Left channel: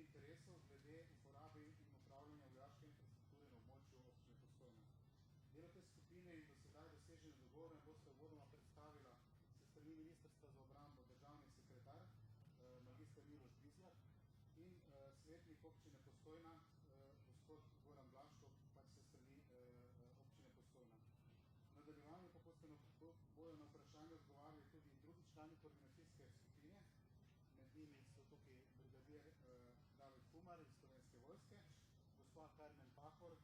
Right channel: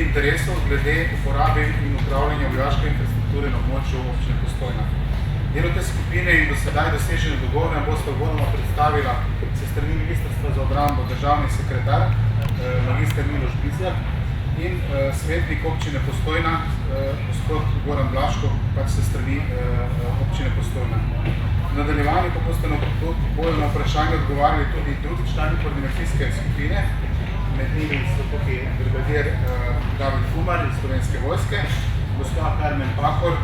skupin interesov glede uporabe in upravljanja vojaške infrastrukture na območju občine Postojna. Delo te skupine in do sedaj dosežene dogovore boste uvodoma predstavila se strani Ministrstva za obrambo državni sekretar, magister Miloš Bizjak in svetnik občine Postojna, gospod Goran Blaško, pač se strani občine Postojna. V nadaljevanju pa bodo na vprašanje odgovarjali tudi drugi člani koordinacijske skupine, med njimi so tukaj brigadir David Humar iz Slovenske vojske, gospod Karmen Pahor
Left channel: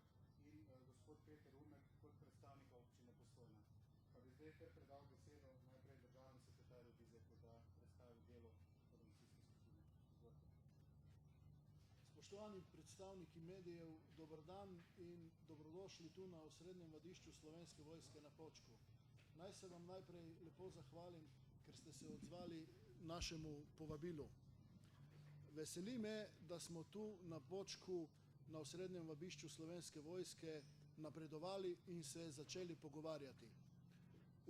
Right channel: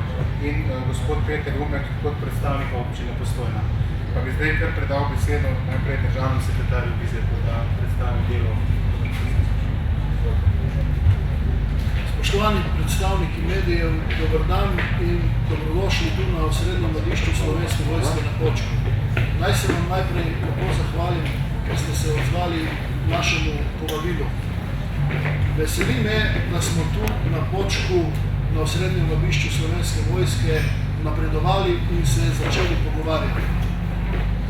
in gospod Peter Umek kot predstavnika občine Postojna. Pa bi zdaj kar predal besedo najprej državnemu sekretarju Bizjaku, da predstavi delo. Spoštovani predstavniki medijev, dober dan in dobrodošli tu na osrednjem vadišču Slovenske vojske na Počku. Naj se vam najprej lepo zahvalim, ker ste se odzvali našemu povabilu. Veseli me, da smo tu na Počku na osrednjem vadišču Slovenske vojske napredovali in se začeli pogovarjati.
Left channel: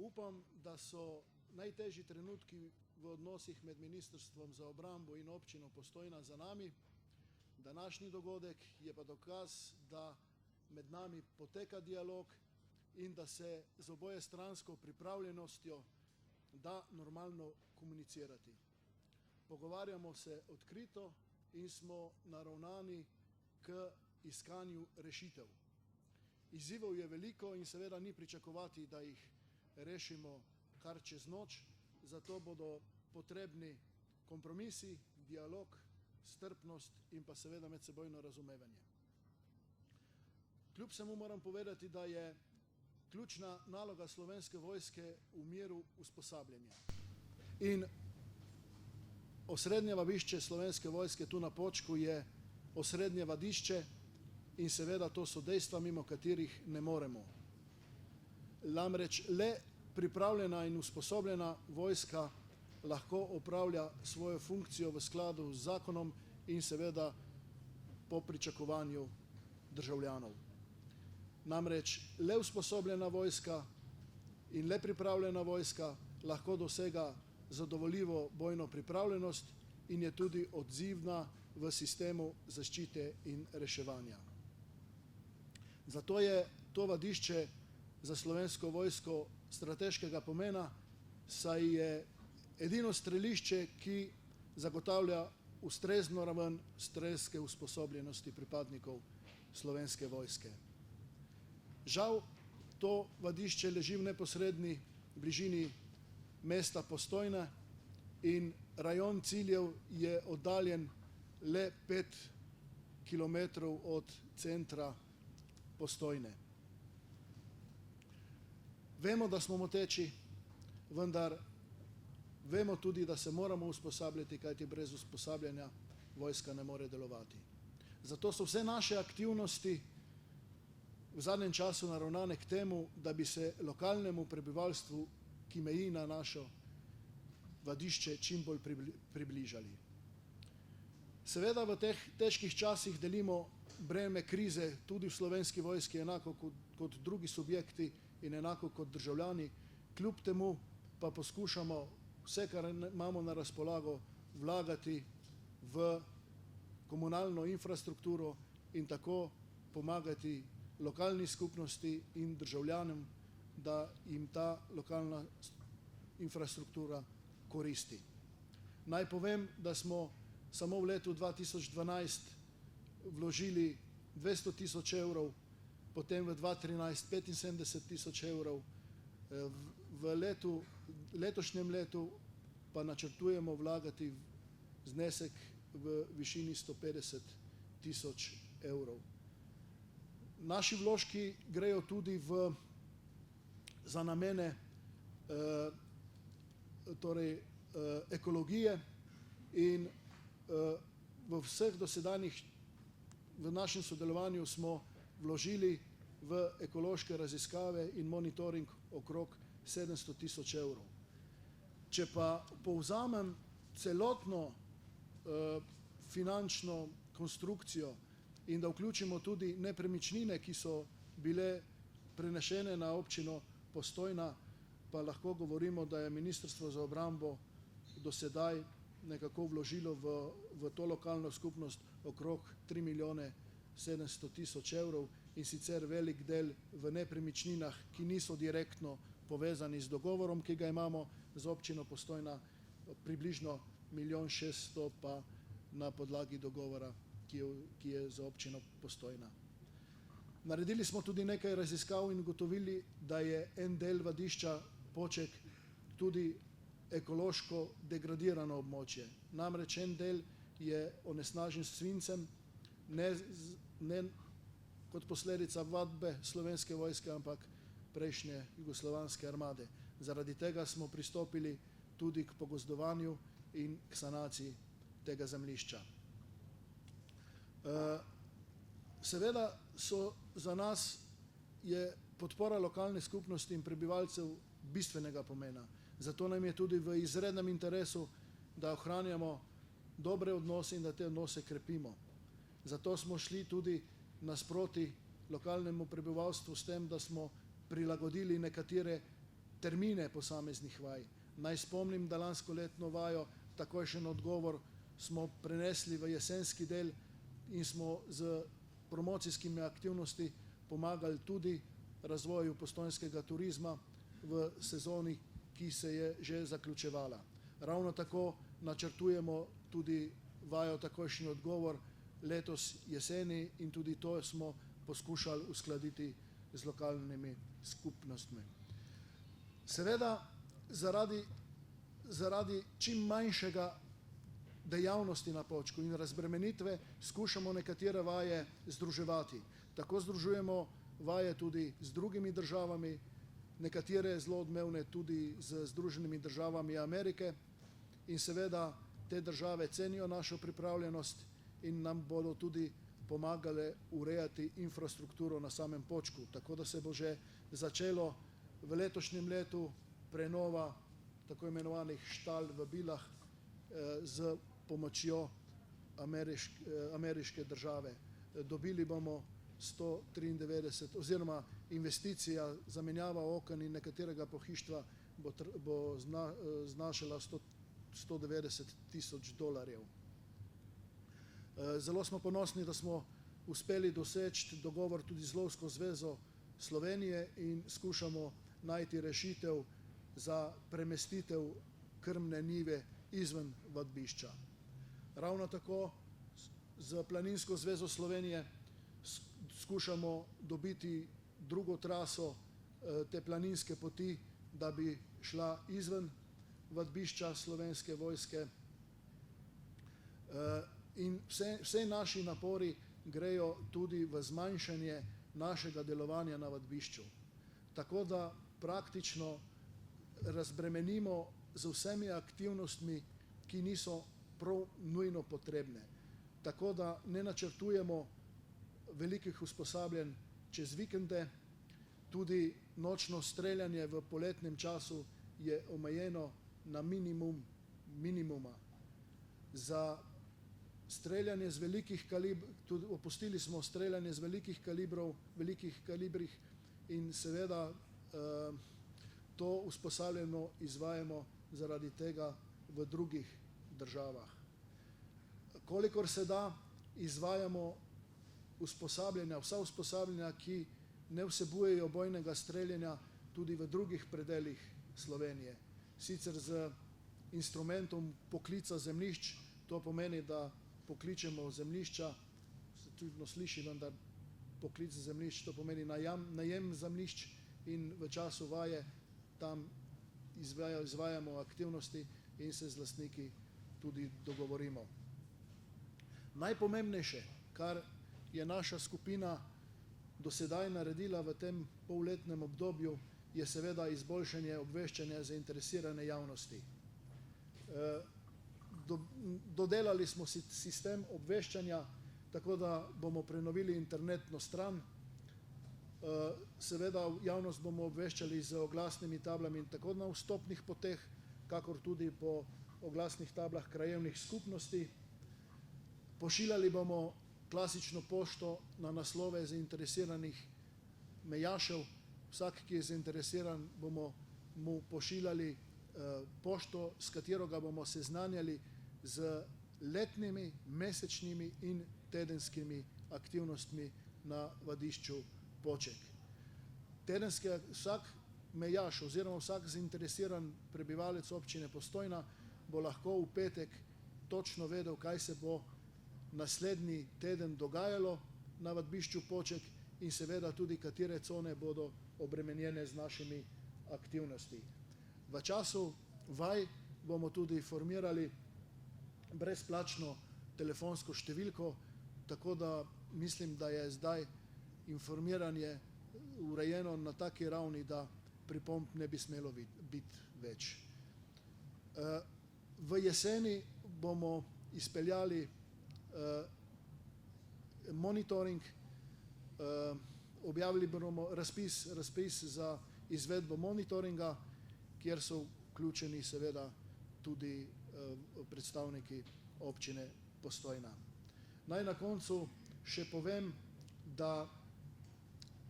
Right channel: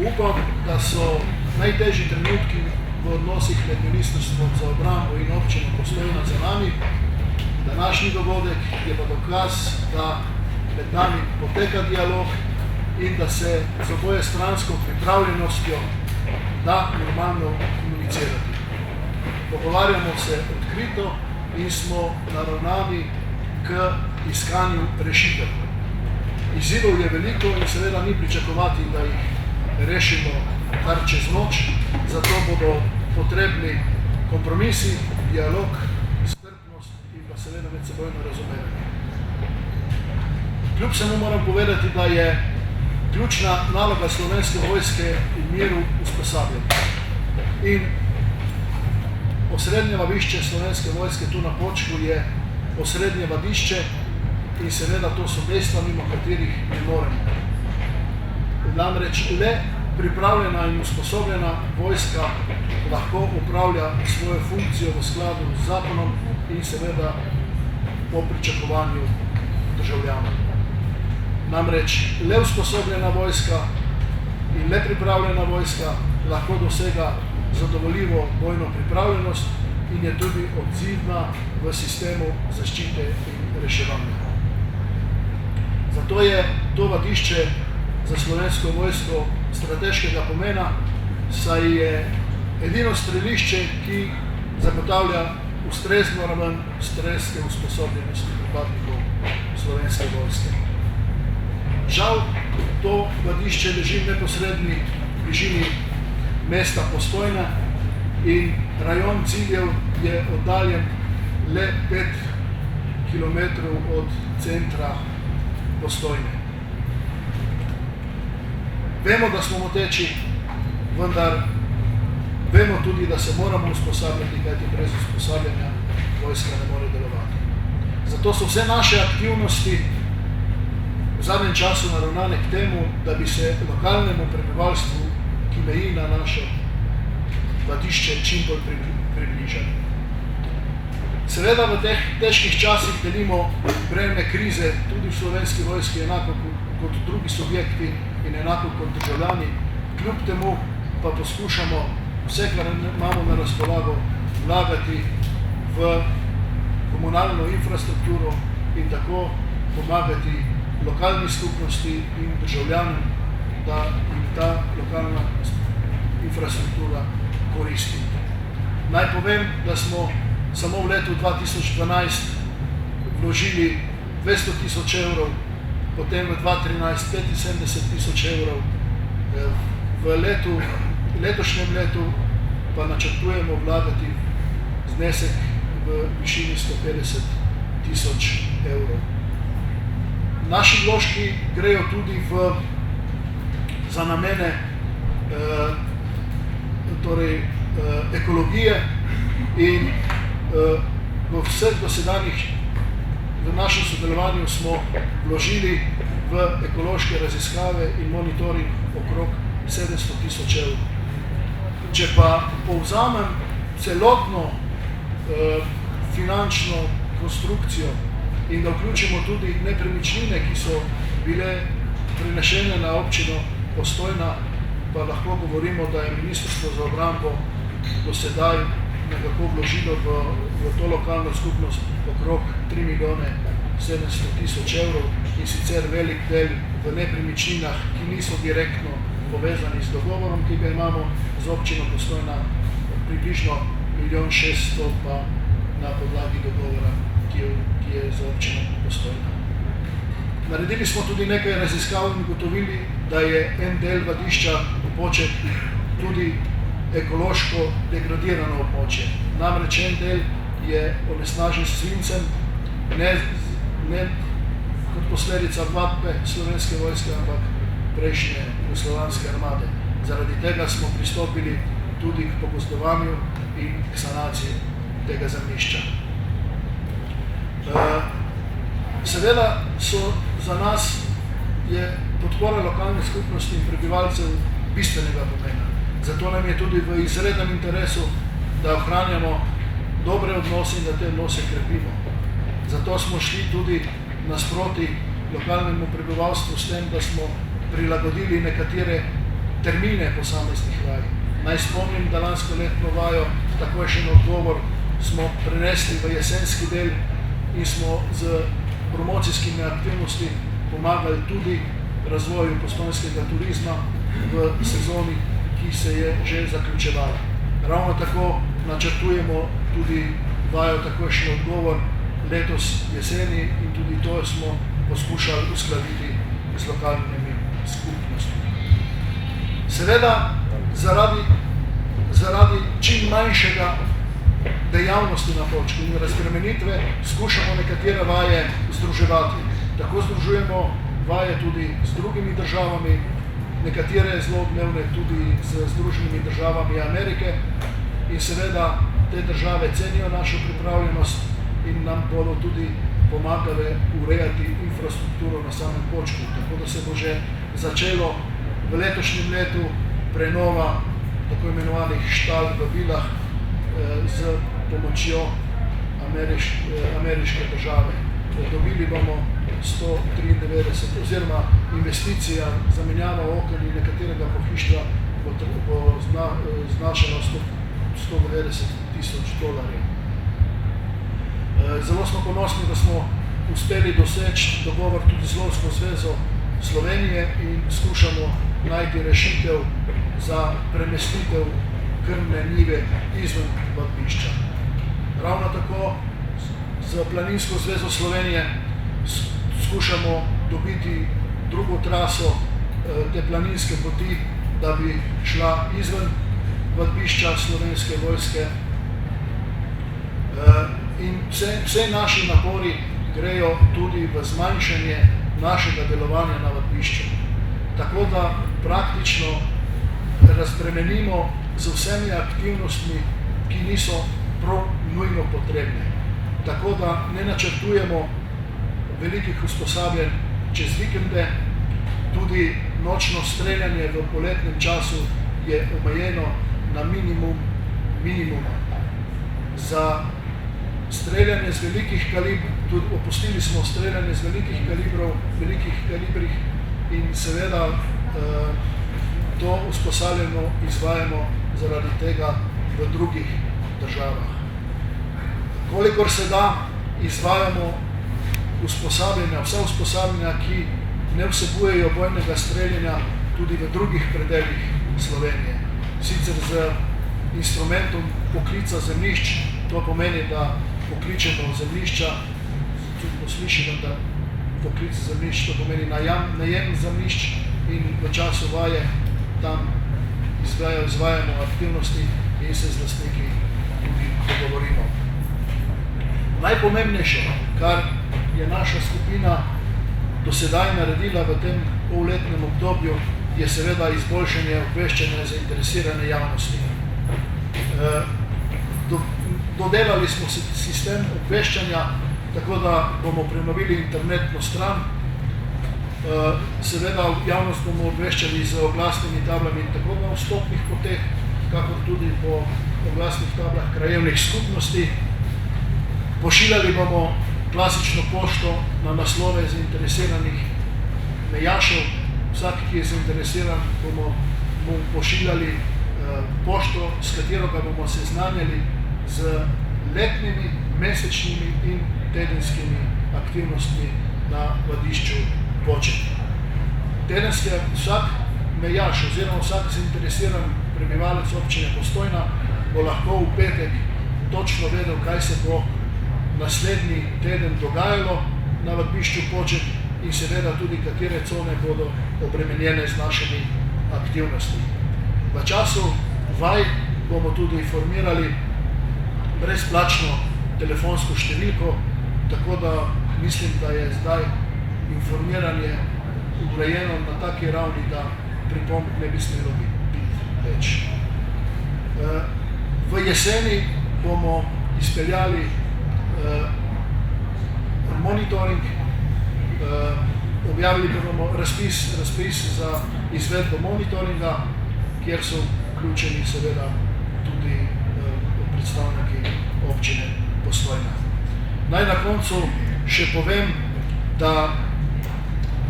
Upam, da so najtežji trenutki v odnosih med Ministrstvom za obrambo in občino Postojna za nami. Današnji dogodek je pa dokaz, da med nami poteka dialog in da se z obojestransko pripravljenostjo da normalno komunicirati. Pogovarjamo se odkrito in smo naravnani k iskanju rešitev. Izzivov je veliko in seveda ni pričakovati, da jih rešimo kar čez noč, zato bodo potrebni kompromisi, dialog, strpnost in pa seveda medsebojno razumevanje. Kljub samo moram povedati, da je ključna naloga Slovenske vojske in miru usposabljanja. In osrednje vadišče Slovenske vojske tu na Počku je osrednje vadišče in seveda to so dejstva, mimo katerih ne moremo. Namreč le pripravljena in usposobljena vojska lahko upravlja svojo funkcijo v skladu z zakonom in seveda po pričakovanju državljanov. Namreč le usposobljena vojska in le pripravljena vojska lahko dosega zadovoljivo bojno pripravljenost in je tudi odzivna v sistemu zaščite in reševanja. Zato je to vadišče za Slovensko vojsko strateškega pomena, saj je edino strelišče, ki zagotavlja ustrezno raven strelske usposobljenosti pripadnikov Slovenske vojske. Žal, to vadišče leži v neposredni bližini mesta Postojna in rajon ciljev je oddaljen le 5 km od centra Postojne. Vemo, da smo moteči, vendar vemo tudi, da se moramo usposabljati, kajti brez usposabljanja vojska ne more delovati. Zato so vse naše aktivnosti v zadnjem času naravnane k temu, da bi se lokalnemu prebivalstvu, ki meji na naše vadišče, čim bolj približali. Seveda v teh težkih časih delimo breme krize tudi v Slovenski vojski enako kot drugi subjekti in enako kot državljani. Kljub temu pa poskušamo vse, kar imamo na razpolago, vlagati v komunalno infrastrukturo in tako pomagati lokalni skupnosti in državljanom, da jim ta lokalna infrastruktura koristi. Naj povem, da smo samo v letu 2012 vložili 200 000 evrov, potem v 2013 75 000 evrov, v letošnjem letu pa načrtujemo vlagati znesek v višini 150 000 evrov. Naši vložki grejo tudi za namene ekologije in v vseh dosedanjih v našem sodelovanju smo vložili v ekološke raziskave in monitoring okrog 700 000 evrov. Če pa povzamem celotno finančno konstrukcijo in da vključimo tudi nepremičnine, ki so bile prenešene na občino Postojna, pa lahko govorimo, da je Ministrstvo za obrambo do sedaj nekako vložilo v to lokalno skupnost okrog 3 milijone 700 tisoč evrov in sicer velik del v nepremičninah, ki niso direktno povezani z dogovorom, ki ga imamo z občino Postojna, približno 1 600 000 pa na podlagi dogovora, ki je z občino Postojna. Naredili smo tudi nekaj raziskav in ugotovili, da je en del Vadišča Poček tudi ekološko degradirano območje. Namreč en del je onesnažen s svincem, ne kot posledica vadbe Slovenske vojske, ampak prejšnje jugoslovanske armade. Zaradi tega smo pristopili tudi k pogozdovanju in k sanaciji tega zemljišča. Seveda so za nas je podpora lokalne skupnosti in prebivalcev bistvenega pomena. Zato nam je tudi v izrednem interesu, da ohranjamo dobre odnose in da te odnose krepimo. Zato smo šli tudi nasproti lokalnemu prebivalstvu s tem, da smo prilagodili nekatere termine posameznih vaj. Naj spomnim, da lansko letno vajo, takojšen odgovor, smo prenesli v jesenski del in smo z promocijskimi aktivnosti pomagali tudi razvoju postojnskega turizma v sezoni, ki se je že zaključevala. Ravno tako načrtujemo tudi vajo takojšen odgovor letos jeseni in tudi to smo poskušali uskladiti z lokalnimi skupnostmi. Seveda, zaradi čim manjšega dejavnosti na Počku in razbremenitve skušamo nekatere vaje združevati. Tako združujemo vaje tudi z drugimi državami, nekatere zelo odmevne tudi z Združenimi državami Amerike in seveda te države cenijo našo pripravljenost in nam bodo tudi pomagale urejati infrastrukturo na samem Počku. Tako da se bo že začelo v letošnjem letu prenova tako imenovanih štal v vilah z pomočjo ameriške države. Dobili bomo 193 oziroma investicija zamenjava oken in nekaterega pohištva bo znašala $190,000. Zelo smo ponosni, da smo uspeli doseči dogovor tudi z Lovsko zvezo Slovenije in skušamo najti rešitev za premestitev krmne njive izven vadbišča. Ravno tako z Planinsko zvezo Slovenije skušamo dobiti drugo traso te planinske poti, da bi šla izven vadbišča Slovenske vojske. In vse naši napori grejo tudi v zmanjšanje našega delovanja na vadbišču. Tako da praktično razbremenimo z vsemi aktivnostmi, ki niso prav nujno potrebne. Tako da ne načrtujemo velikih usposabljanj čez vikende, tudi nočno streljanje v poletnem času je omejeno na minimuma. Za streljanje z velikih kalibrov, tudi opustili smo streljanje z velikih kalibrih in seveda to usposabljanje izvajamo zaradi tega v drugih državah. Kolikor se da, izvajamo vsa usposabljanja, ki ne vsebujejo bojnega streljanja tudi v drugih predelih Slovenije. Sicer z instrumentom poklica zemljišč, to pomeni, da pokličemo zemljišča, tudi poslišimo, da poklic zemljišč, to pomeni najem zemljišč in v času vaje tam izvajamo aktivnosti in se z lastniki tudi dogovorimo. Najpomembnejše, kar je naša skupina do sedaj naredila v tem polletnem obdobju, je seveda izboljšanje obveščanja zainteresirane javnosti. Dodelali smo sistem obveščanja, tako da bomo prenovili internetno stran. Seveda javnost bomo obveščali z oglasnimi tablami tako na vstopnih poteh, kakor tudi po oglasnih tablah krajevnih skupnosti. Pošiljali bomo klasično pošto na naslove zainteresiranih mejašev. Vsak, ki je zainteresiran, bomo pošiljali pošto, s katero ga bomo seznanjali z letnimi, mesečnimi in tedenskimi aktivnostmi na vadišču Poček. Tedenski vsak mejaš oziroma vsak zainteresiran prebivalec občine Postojna bo lahko v petek točno vedel, kaj se bo naslednji teden dogajalo na vadišču Poček in seveda tudi, katere cone bodo obremenjene z našimi aktivnostmi. V času vaj bomo tudi formirali brezplačno telefonsko številko, tako da mislim, da je zdaj informiranje urejeno na taki ravni, da pripomb ne bi smelo biti več. V jeseni bomo izpeljali monitoring, objavili bomo razpis za izvedbo monitoringa, kjer so vključeni seveda tudi predstavniki občine Postojna. Naj na koncu še povem, da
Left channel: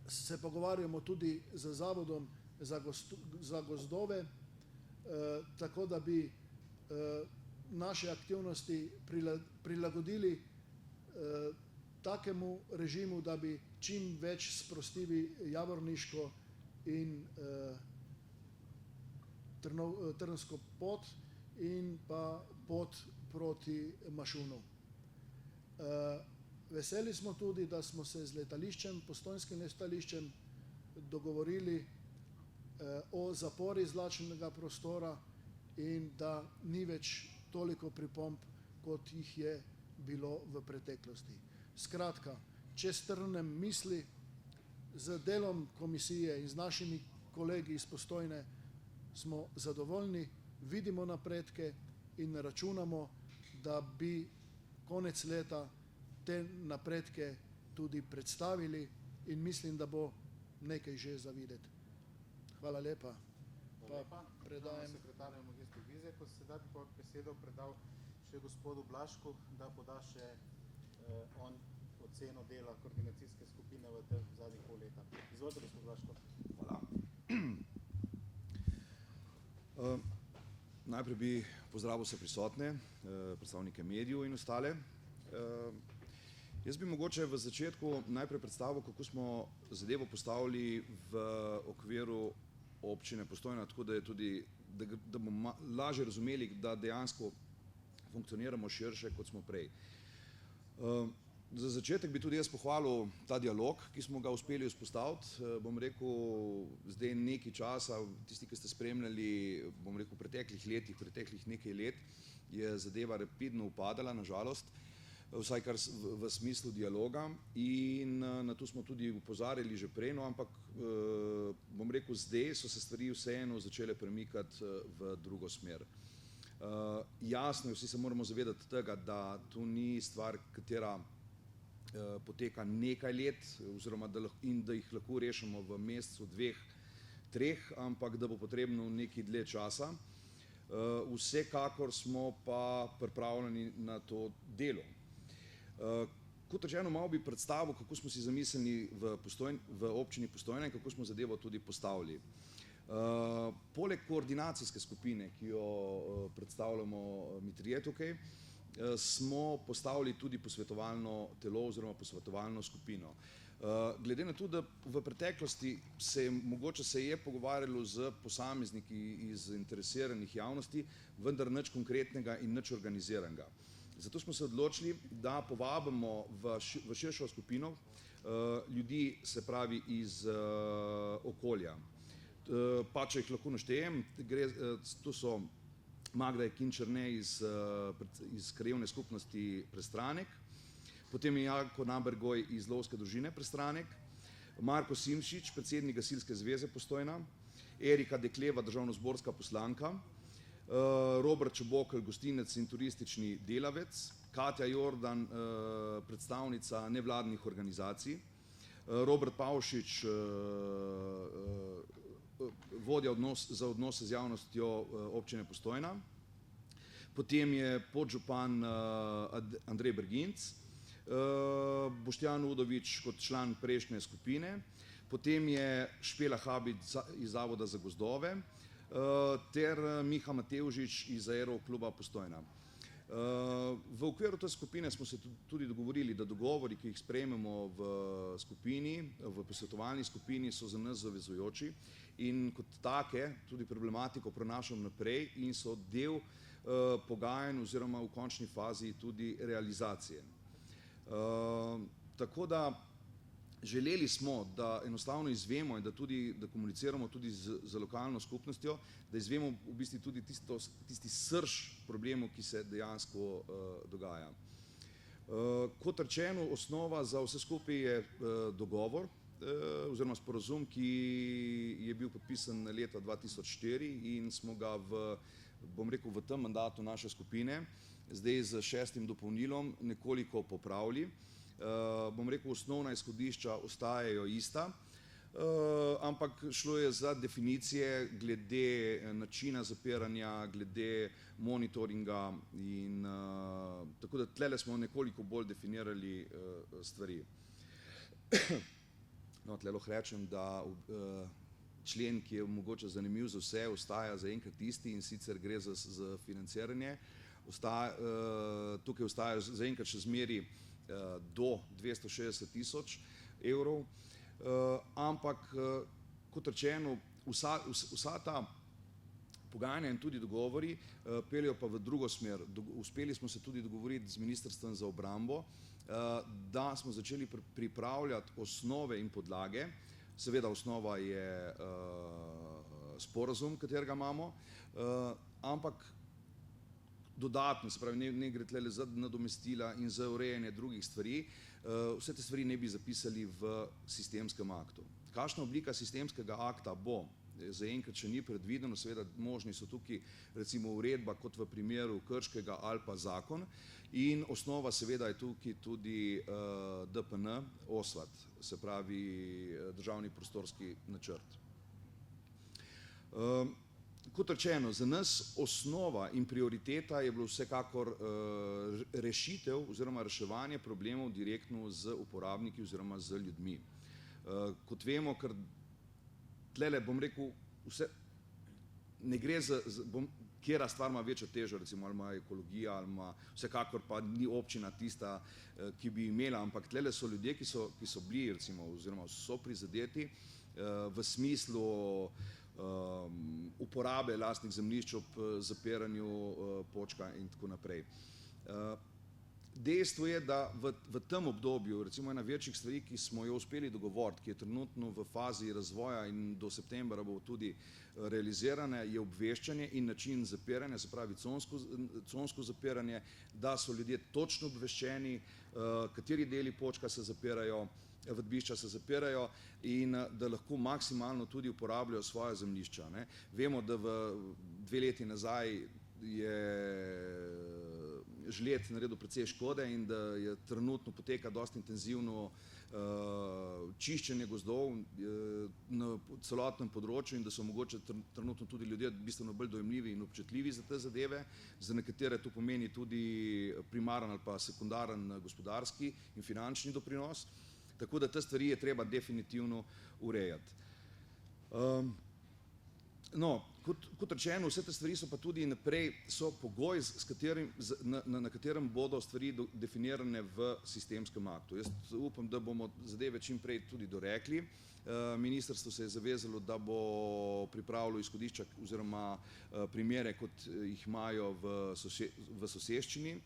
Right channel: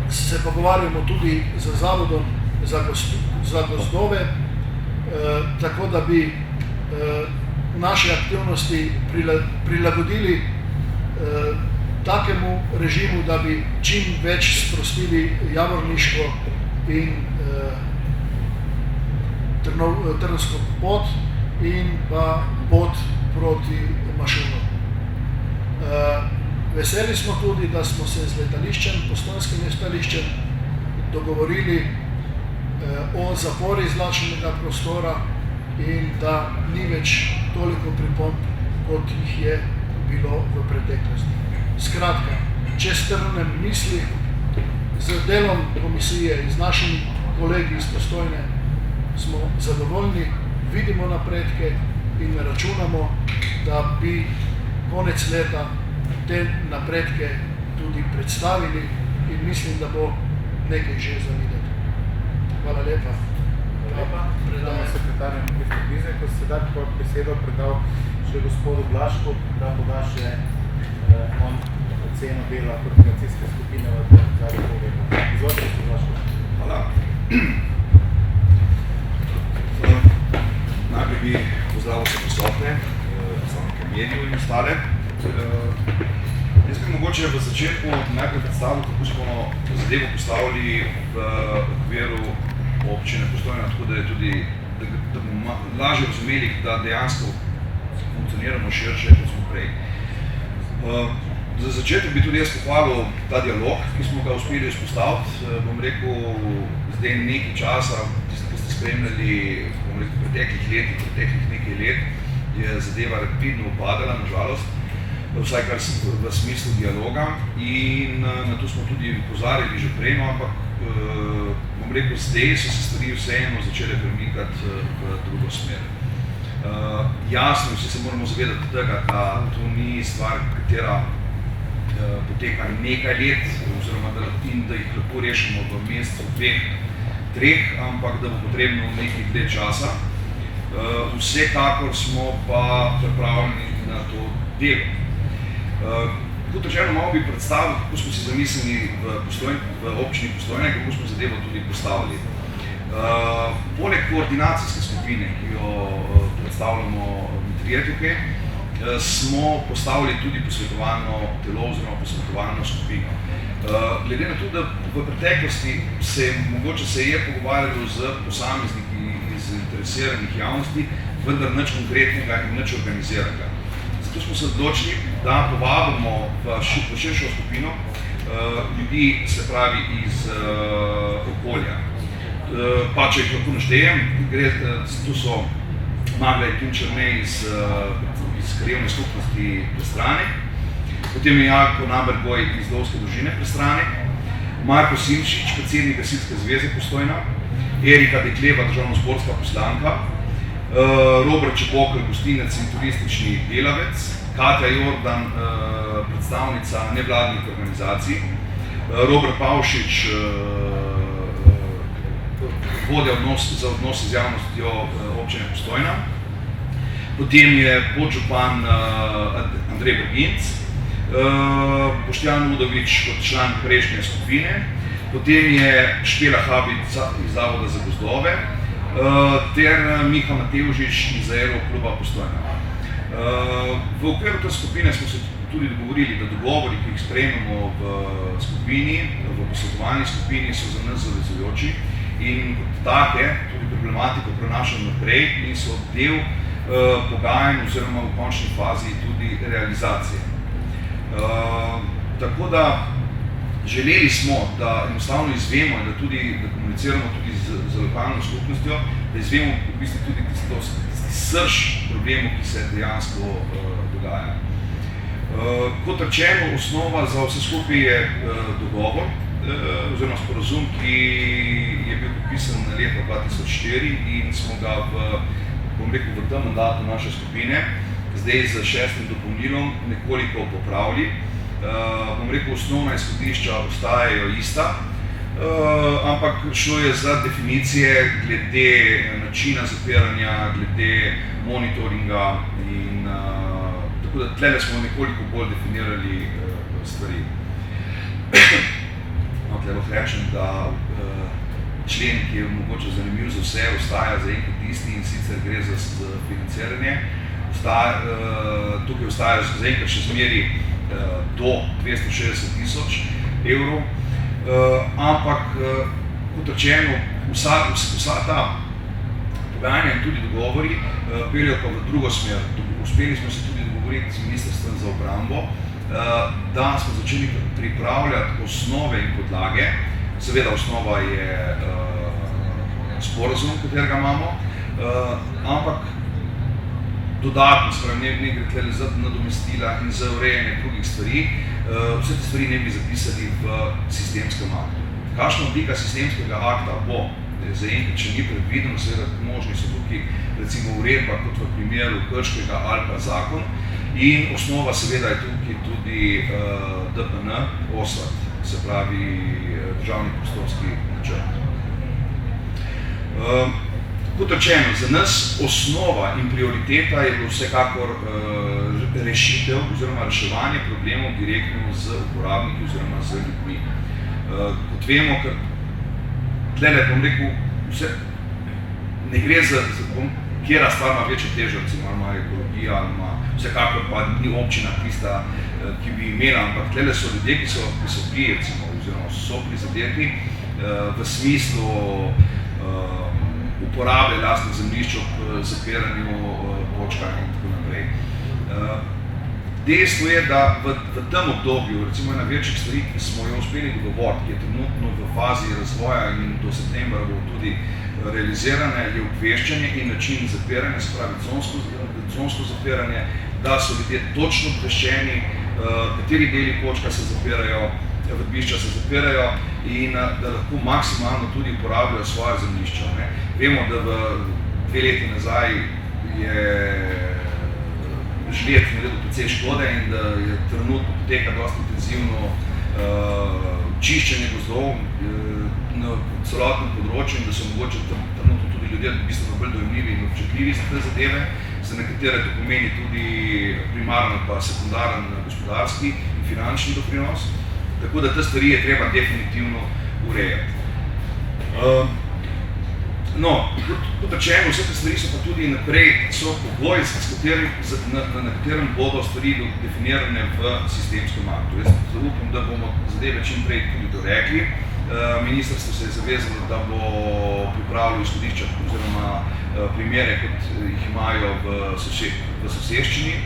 se pogovarjamo tudi z Zavodom za gozdove, tako da bi naše aktivnosti prilagodili takemu režimu, da bi čim več sprostili javorniško in trnsko pot in pa pot proti Mašunu. Veseli smo tudi, da smo se z letališčem, postojnskim letališčem dogovorili o zapori zračnega prostora in da ni več toliko pripomb, kot jih je bilo v preteklosti. Skratka, če strnem misli, z delom komisije in z našimi kolegi iz Postojne smo zadovoljni, vidimo napredke in računamo, da bi konec leta te napredke tudi predstavili in mislim, da bo nekaj že za videti. Hvala lepa. Predamo sekretarju Mr. Bizek, ko se da besedo predal še gospodu Blašku, da poda še on oceno dela koordinacijske skupine v zadnjih pogledu. Izvolite, gospod Blašku. Hvala. Najprej bi pozdravil vse prisotne, predstavnike medijev in ostale. Jaz bi mogoče v začetku najprej predstavil, kako smo zadevo postavili v okviru občine Postojna, tako da je tudi, da bomo lažje razumeli, da dejansko funkcioniramo širše, kot smo prej. Za začetek bi tudi jaz pohvalil ta dialog, ki smo ga uspeli vzpostaviti. Bom rekel, zdaj nekaj časa, tisti, ki ste spremljali, bom rekel, preteklih nekaj let, je zadeva rapidno upadala, nažalost, vsaj kar v smislu dialoga in na to smo tudi opozarjali že prej, ampak bom rekel, zdaj so se stvari vseeno začele premikati v drugo smer. Jasno, vsi se moramo zavedati tega, da to ni stvar, katera poteka nekaj let, oziroma da jih lahko rešimo v mesecu, dveh, treh, ampak da bo potrebno nekaj dlje časa. Vsekakor smo pa pripravljeni na to delo. Kot rečeno, malo bi predstavil, kako smo si zamislili v občini Postojna, kako smo zadevo tudi postavili. Poleg koordinacijske skupine, ki jo predstavljamo trije tukaj, smo postavili tudi posvetovalno telo oziroma posvetovalno skupino. Glede na to, da v preteklosti mogoče se je pogovarjalo z posamezniki iz zainteresiranih javnosti, vendar nič konkretnega in nič organiziranega. Zato smo se odločili, da povabimo v širšo skupino ljudi, se pravi iz okolja. Pa če jih lahko naštejem, to so Magda Tunčerne iz krajevne skupnosti Prestrane, potem je Janko Nabergoj iz Lovske družine Prestrane, Marko Simčič, predsednik Gasilske zveze Postojna, Erika Dekleva, državnozborska poslanka, Robert Čebokl, gostinec in turistični delavec, Katja Jordan, predstavnica nevladnih organizacij, Robert Pavšič, vodja za odnose z javnostjo občine Postojna, potem je podžupan Andrej Berginc, Boštjan Udovič kot član prejšnje skupine, potem je Špela Habit iz Zavoda za gozdove, ter Miha Matevžič iz Aerokluba Postojna. V okviru te skupine smo se tudi dogovorili, da dogovori, ki jih sprejmemo v skupini, v posvetovalni skupini, so za nas zavezujoči in kot take tudi problematiko prenašamo naprej in so del pogajanj oziroma v končni fazi tudi realizacije. Tako da želeli smo, da enostavno izvemo in da komuniciramo tudi z lokalno skupnostjo, da izvemo v bistvu tudi tisti srž problemov, ki se dejansko dogaja. Kot rečeno, osnova za vse skupaj je dogovor oziroma sporazum, ki je bil podpisan leta 2004 in smo ga v tem mandatu naše skupine zdaj z 6. dopolnilom nekoliko popravili. Osnovna izhodišča ostajajo ista, ampak šlo je za definicije glede načina zapiranja, glede monitoringa in tako da tlele smo nekoliko bolj definirali stvari. Tle lahko rečem, da člen, ki je mogoče zanimiv za vse, ostaja za enkrat isti in sicer gre za financiranje. Tukaj ostaja za enkrat še zmeri do 260 000 evrov, ampak kot rečeno, vsa ta pogajanja in tudi dogovori peljajo pa v drugo smer. Uspeli smo se tudi dogovoriti z Ministrstvom za obrambo, da smo začeli pripravljati osnove in podlage. Seveda osnova je sporazum, katerega imamo, ampak dodatno, ne gre tle za nadomestila in za urejanje drugih stvari, vse te stvari ne bi zapisali v sistemskem aktu. Kakšna oblika sistemskega akta bo, zaenkrat še ni predvideno, seveda možni so tukaj recimo uredba, kot v primeru Krškega ali pa zakon, in osnova seveda je tukaj tudi DPN, OSVAT, se pravi državni prostorski načrt. Kot rečeno, za nas osnova in prioriteta je bilo vsekakor rešitev oziroma reševanje problemov direktno z uporabniki oziroma z ljudmi. Kot vemo, ker tlele, bom rekel, vse ne gre za kjera stvar ima večjo težo, recimo ima ekologija, ima vsekakor pa ni občina tista, ki bi imela, ampak tlele so ljudje, ki so bili, recimo, oziroma so prizadeti v smislu uporabe lastnih zemljišč ob zapiranju točkah in tako naprej. Dejstvo je, da v tem obdobju, recimo ena večjih stvari, ki smo jo uspeli dogovoriti, ki je trenutno v fazi razvoja in do septembra bo tudi realizirane, je obveščanje in način zapiranja, se pravi consko zapiranje, da so ljudje točno obveščeni, kateri deli kočka se zapirajo, vrbišča se zapirajo in da lahko maksimalno tudi uporabljajo svoje zemljišča. Vemo, da v 2 leti nazaj je žled naredil precej škode in da je trenutno poteka dosti intenzivno čiščenje gozdov na celotnem področju in da so mogoče trenutno tudi ljudje bistveno bolj dojemljivi in občutljivi za te zadeve, za nekatere to pomeni tudi primarno pa sekundaren gospodarski in finančni doprinos, tako da te stvari je treba definitivno urejati. No, kot rečeno, vse te stvari so pa tudi naprej, so pogoji, na katerem bodo stvari definirane v sistemskem aktu. Jaz upam, da bomo zadeve čim prej tudi dorekli. Ministrstvo se je zavezalo, da bo pripravilo izhodišča oziroma primere, kot jih imajo v soseščini,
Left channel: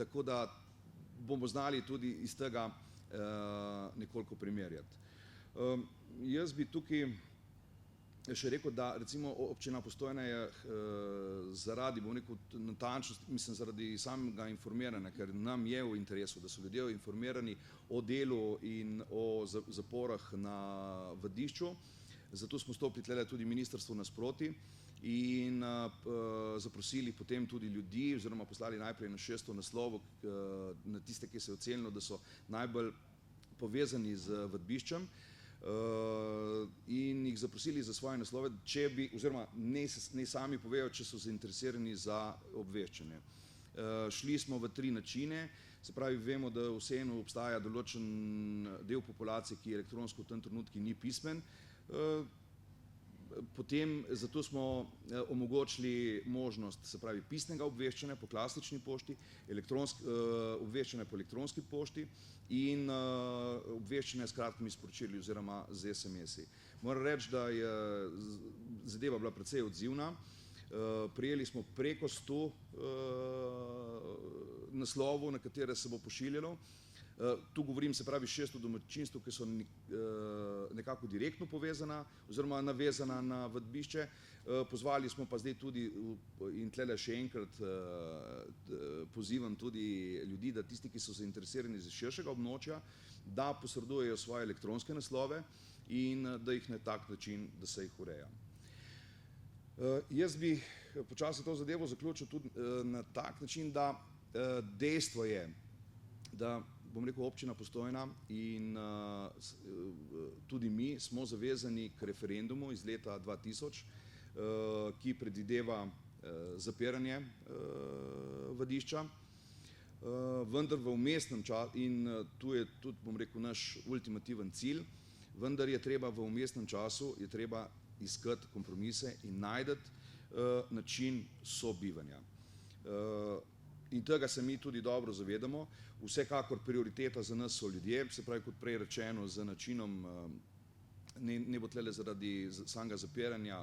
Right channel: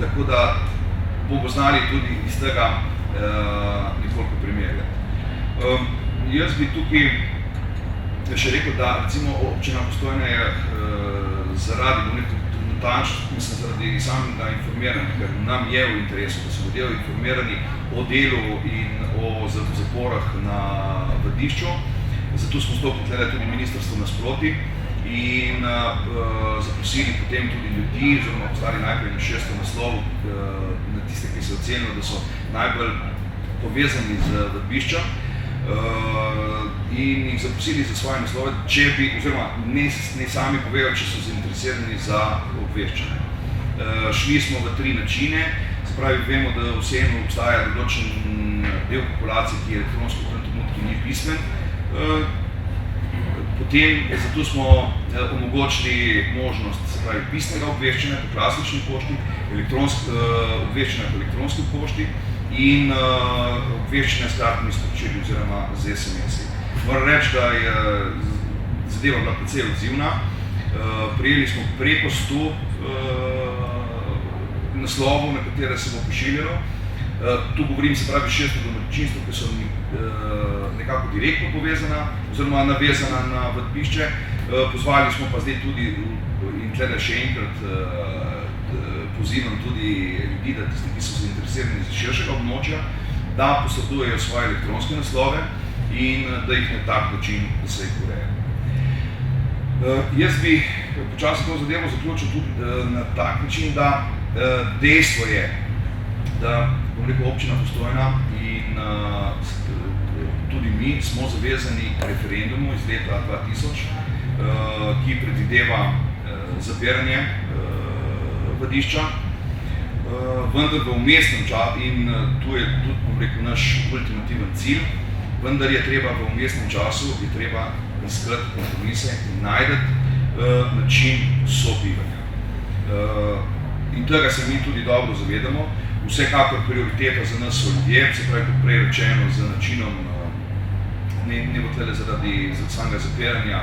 tako da bomo znali tudi iz tega nekoliko primerjati. Jaz bi tukaj še rekel, da recimo občina Postojna je zaradi zaradi samega informiranja, ker nam je v interesu, da so ljudje informirani o delu in o zaporah na Vrdišču. Zato smo stopili tudi ministrstvo nasproti in zaprosili potem tudi ljudi, oziroma poslali najprej na 6. naslov na tiste, ki so ocenili, da so najbolj povezani z Vrbiščem in jih zaprosili za svoje naslove, če bi, oziroma ne sami povejo, če so zainteresirani za obveščanje. Šli smo v 3 načine, se pravi, vemo, da vseeno obstaja določen del populacije, ki je elektronsko v tem trenutku ni pismen. Potem zato smo omogočili možnost, se pravi, pisnega obveščanja po klasični pošti, obveščanja po elektronski pošti in obveščanja s kratkimi sporočili oziroma z SMS-i. Moram reči, da je zadeva bila precej odzivna. Prijeli smo preko 100 naslovov, na katere se bo pošiljalo. Tu govorim, se pravi, 600 domačinstv, ki so nekako direktno povezana oziroma navezana na vadbišče. Pozvali smo pa zdaj tudi, in tlede še enkrat pozivam tudi ljudi, da tisti, ki so zainteresirani iz širšega območja, da posredujejo svoje elektronske naslove in da jih na tak način, da se jih ureja. Jaz bi počasi to zadevo zaključil tudi na tak način, da dejstvo je, da občina Postojna in tudi mi smo zavezani k referendumu iz leta 2000, ki predvideva zapiranje vadišča, vendar v vmesnem času, in tu je tudi naš ultimativen cilj, vendar je treba v vmesnem času iskati kompromise in najti način sobivanja. In tega se mi tudi dobro zavedamo. Vsekakor prioriteta za nas so ljudje, se pravi, kot prej rečeno, z načinom, ne bo tlede zaradi samega zapiranja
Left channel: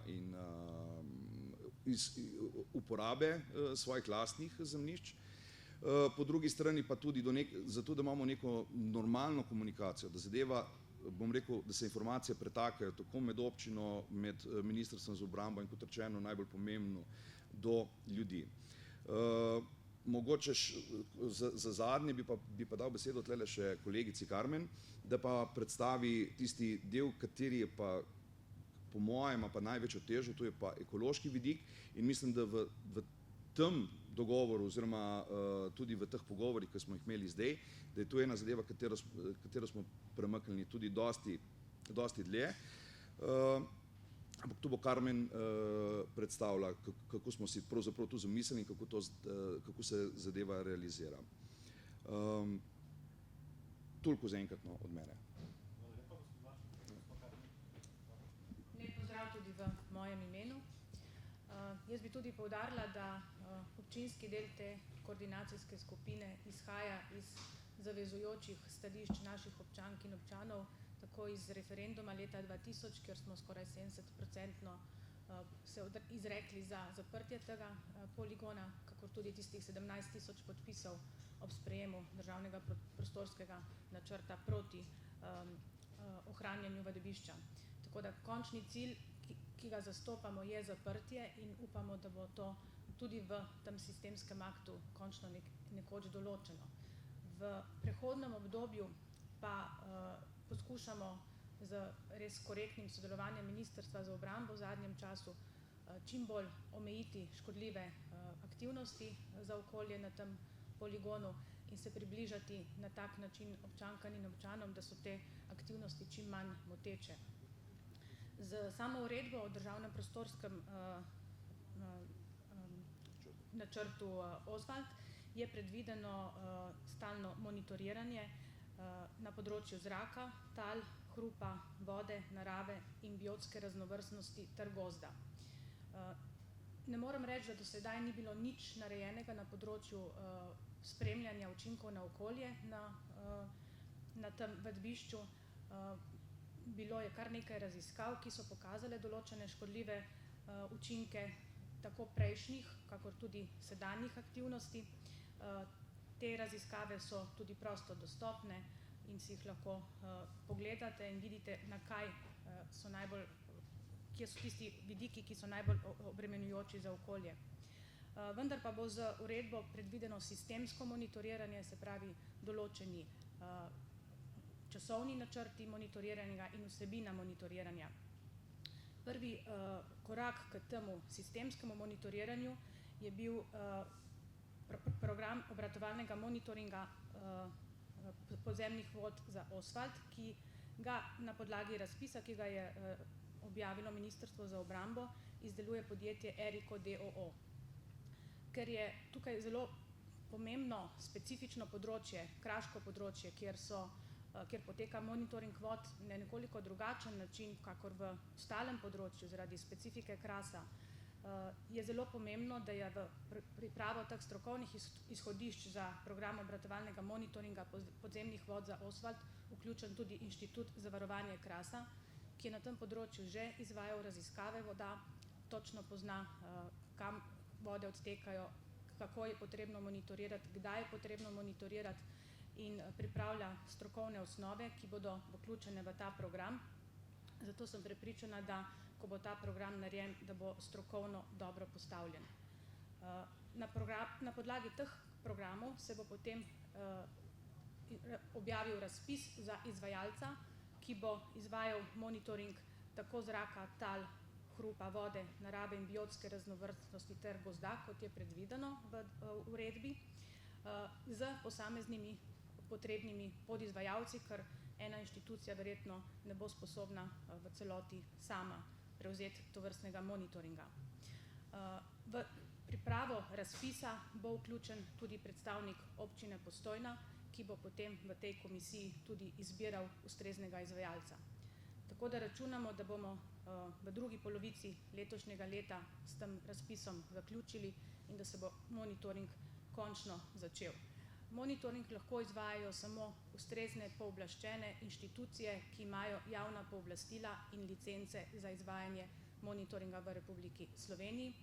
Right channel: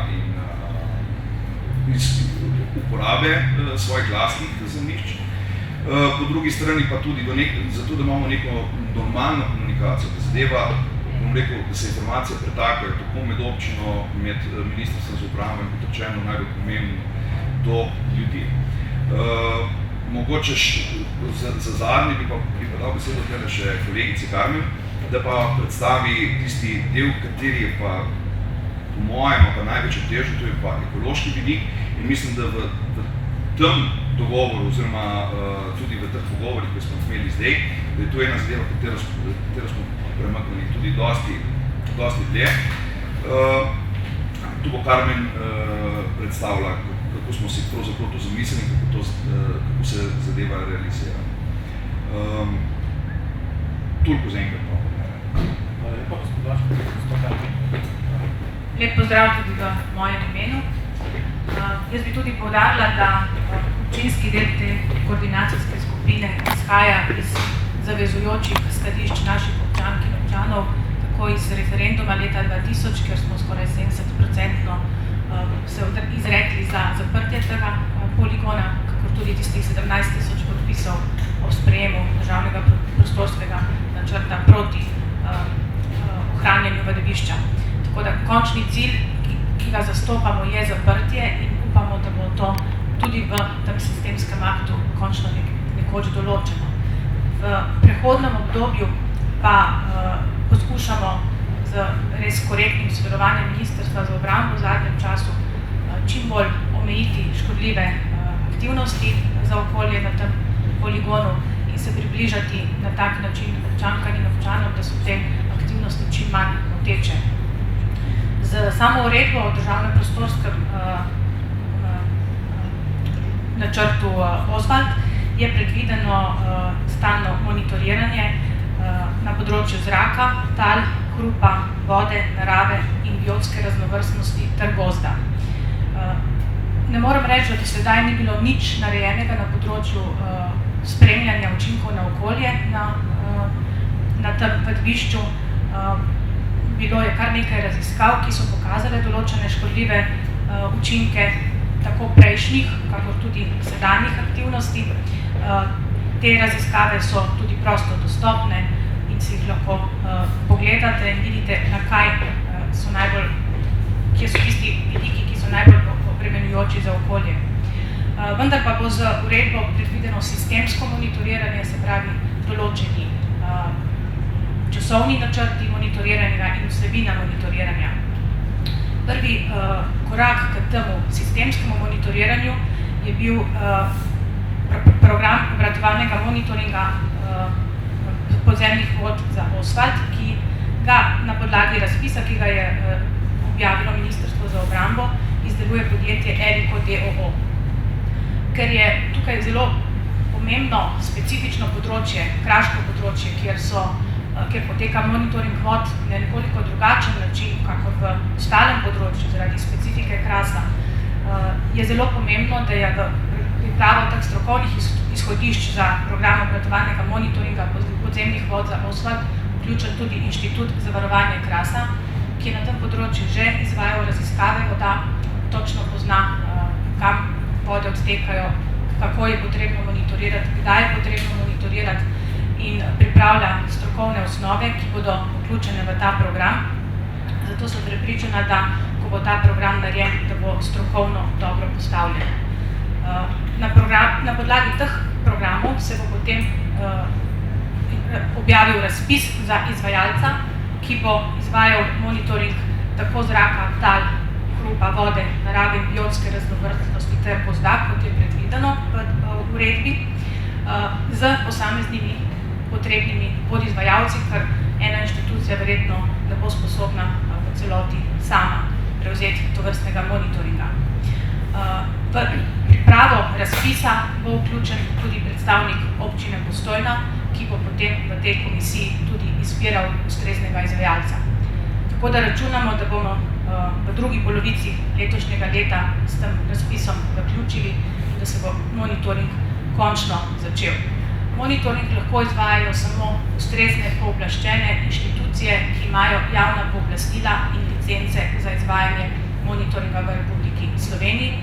in uporabe svojih lastnih zemljišč. Po drugi strani pa tudi zato, da imamo neko normalno komunikacijo, da zadeva, da se informacije pretakajo tako med občino, med ministrstvom za upravo in kot rečeno najbolj pomembno do ljudi. Mogoče za zadnji bi pa dal besedo tele še kolegici Karmen, da pa predstavi tisti del, kateri je pa po mojem pa največje težo, to je pa ekološki vidik in mislim, da v tem dogovoru oziroma tudi v teh pogovorih, ki smo imeli zdaj, da je to ena zadeva, katero smo premaknili tudi dosti dlje. Tu bo Karmen predstavila, kako smo si pravzaprav to zamislili, kako se zadeva realizira. Toliko za enkrat. Hvala lepa, gospod Vaško. Lep pozdrav tudi v mojem imenu. Jaz bi tudi poudarila, da občinski del te koordinacijske skupine izhaja iz zavezujočih stališč naših občank in občanov, tako iz referenduma leta 2000, kjer smo skoraj 70% se izrekli za zaprtje tega poligona, kakor tudi tistih 17.000 podpisov o sprejemu državnega prostorskega načrta proti ohranjanju vadišča. Tako da končni cilj, ki ga zastopamo, je zaprtje in upamo, da bo to tudi v tem sistemskem aktu končno nekoč določeno. V prehodnem obdobju pa poskušamo z res korektnim sodelovanjem Ministrstva za obrambo v zadnjem času čim bolj omejiti škodljive aktivnosti za okolje na tem poligonu in se približati na tak način občankam in občanom, da so te aktivnosti čim manj moteče. Z samo uredbo o državnem prostorskem načrtu Osvald je predvideno stalno monitoriranje na področju zraka, tal, hrupa, vode, narave in biotske raznovrstnosti ter gozda. Ne moram reči, da do sedaj ni bilo nič narejenega na področju spremljanja učinkov na okolje na tem vadišču. Bilo je kar nekaj raziskav, ki so pokazale določene škodljive učinke tako prejšnjih, kakor tudi sedanjih aktivnosti. Te raziskave so tudi prosto dostopne in si jih lahko pogledate in vidite, kje so tisti vidiki, ki so najbolj obremenjujoči za okolje. Vendar pa bo z uredbo predvideno sistemsko monitoriranje, se pravi določeni časovni načrti monitoriranja in vsebina monitoriranja. Prvi korak k temu sistemskemu monitoriranju je bil program obratovalnega monitoringa podzemnih vod za Osvald, ki ga na podlagi razpisa, ki ga je objavilo Ministrstvo za obrambo, izdeluje podjetje Eriko d.o.o. Ker je tukaj zelo pomembno specifično področje, kraško področje, kjer poteka monitoring vod na nekoliko drugačen način, kakor v ostalem področju zaradi specifike Krasa, je zelo pomembno, da je v pripravo teh strokovnih izhodišč za program obratovalnega monitoringa podzemnih vod za OSVAD vključen tudi Inštitut za varovanje Krasa, ki je na tem področju že izvajal raziskave voda, točno pozna, kam vode odtekajo, kako je potrebno monitorirati, kdaj je potrebno monitorirati in pripravlja strokovne osnove, ki bodo vključene v ta program. Zato sem prepričana, da ko bo ta program narejen, da bo strokovno dobro postavljen. Na podlagi teh programov se bo potem objavil razpis za izvajalca, ki bo izvajal monitoring tako zraka, tal, hrupa, vode, narave in biotske raznovrstnosti ter gozda, kot je predvideno v uredbi, z posameznimi potrebnimi podizvajalci, ker ena inštitucija verjetno ne bo sposobna v celoti sama prevzeti tovrstnega monitoringa. V pripravo razpisa bo vključen tudi predstavnik občine Postojna, ki bo potem v tej komisiji tudi izbiral ustreznega izvajalca. Tako da računamo, da bomo v drugi polovici letošnjega leta s tem razpisom zaključili in da se bo monitoring končno začel. Monitoring lahko izvajajo samo ustrezne pooblaščene inštitucije, ki imajo javna pooblastila in licence za izvajanje monitoringa v Republiki Sloveniji.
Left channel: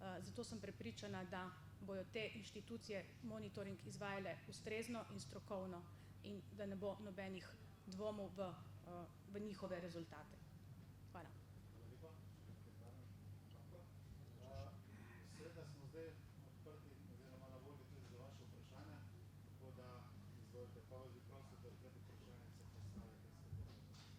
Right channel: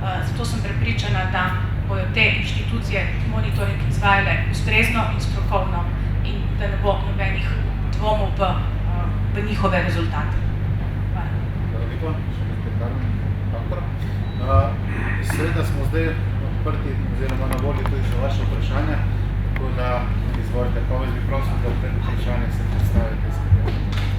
Zato sem prepričana, da bodo te inštitucije monitoring izvajale ustrezno in strokovno in da ne bo nobenih dvomov v njihove rezultate. Hvala lepa, še nekaj Karmen. Seveda smo zdaj odprti oziroma na voljo tudi za vaše vprašanja, tako da izvolite, pa vas bi prosil, da pred vprašanje se predstavite.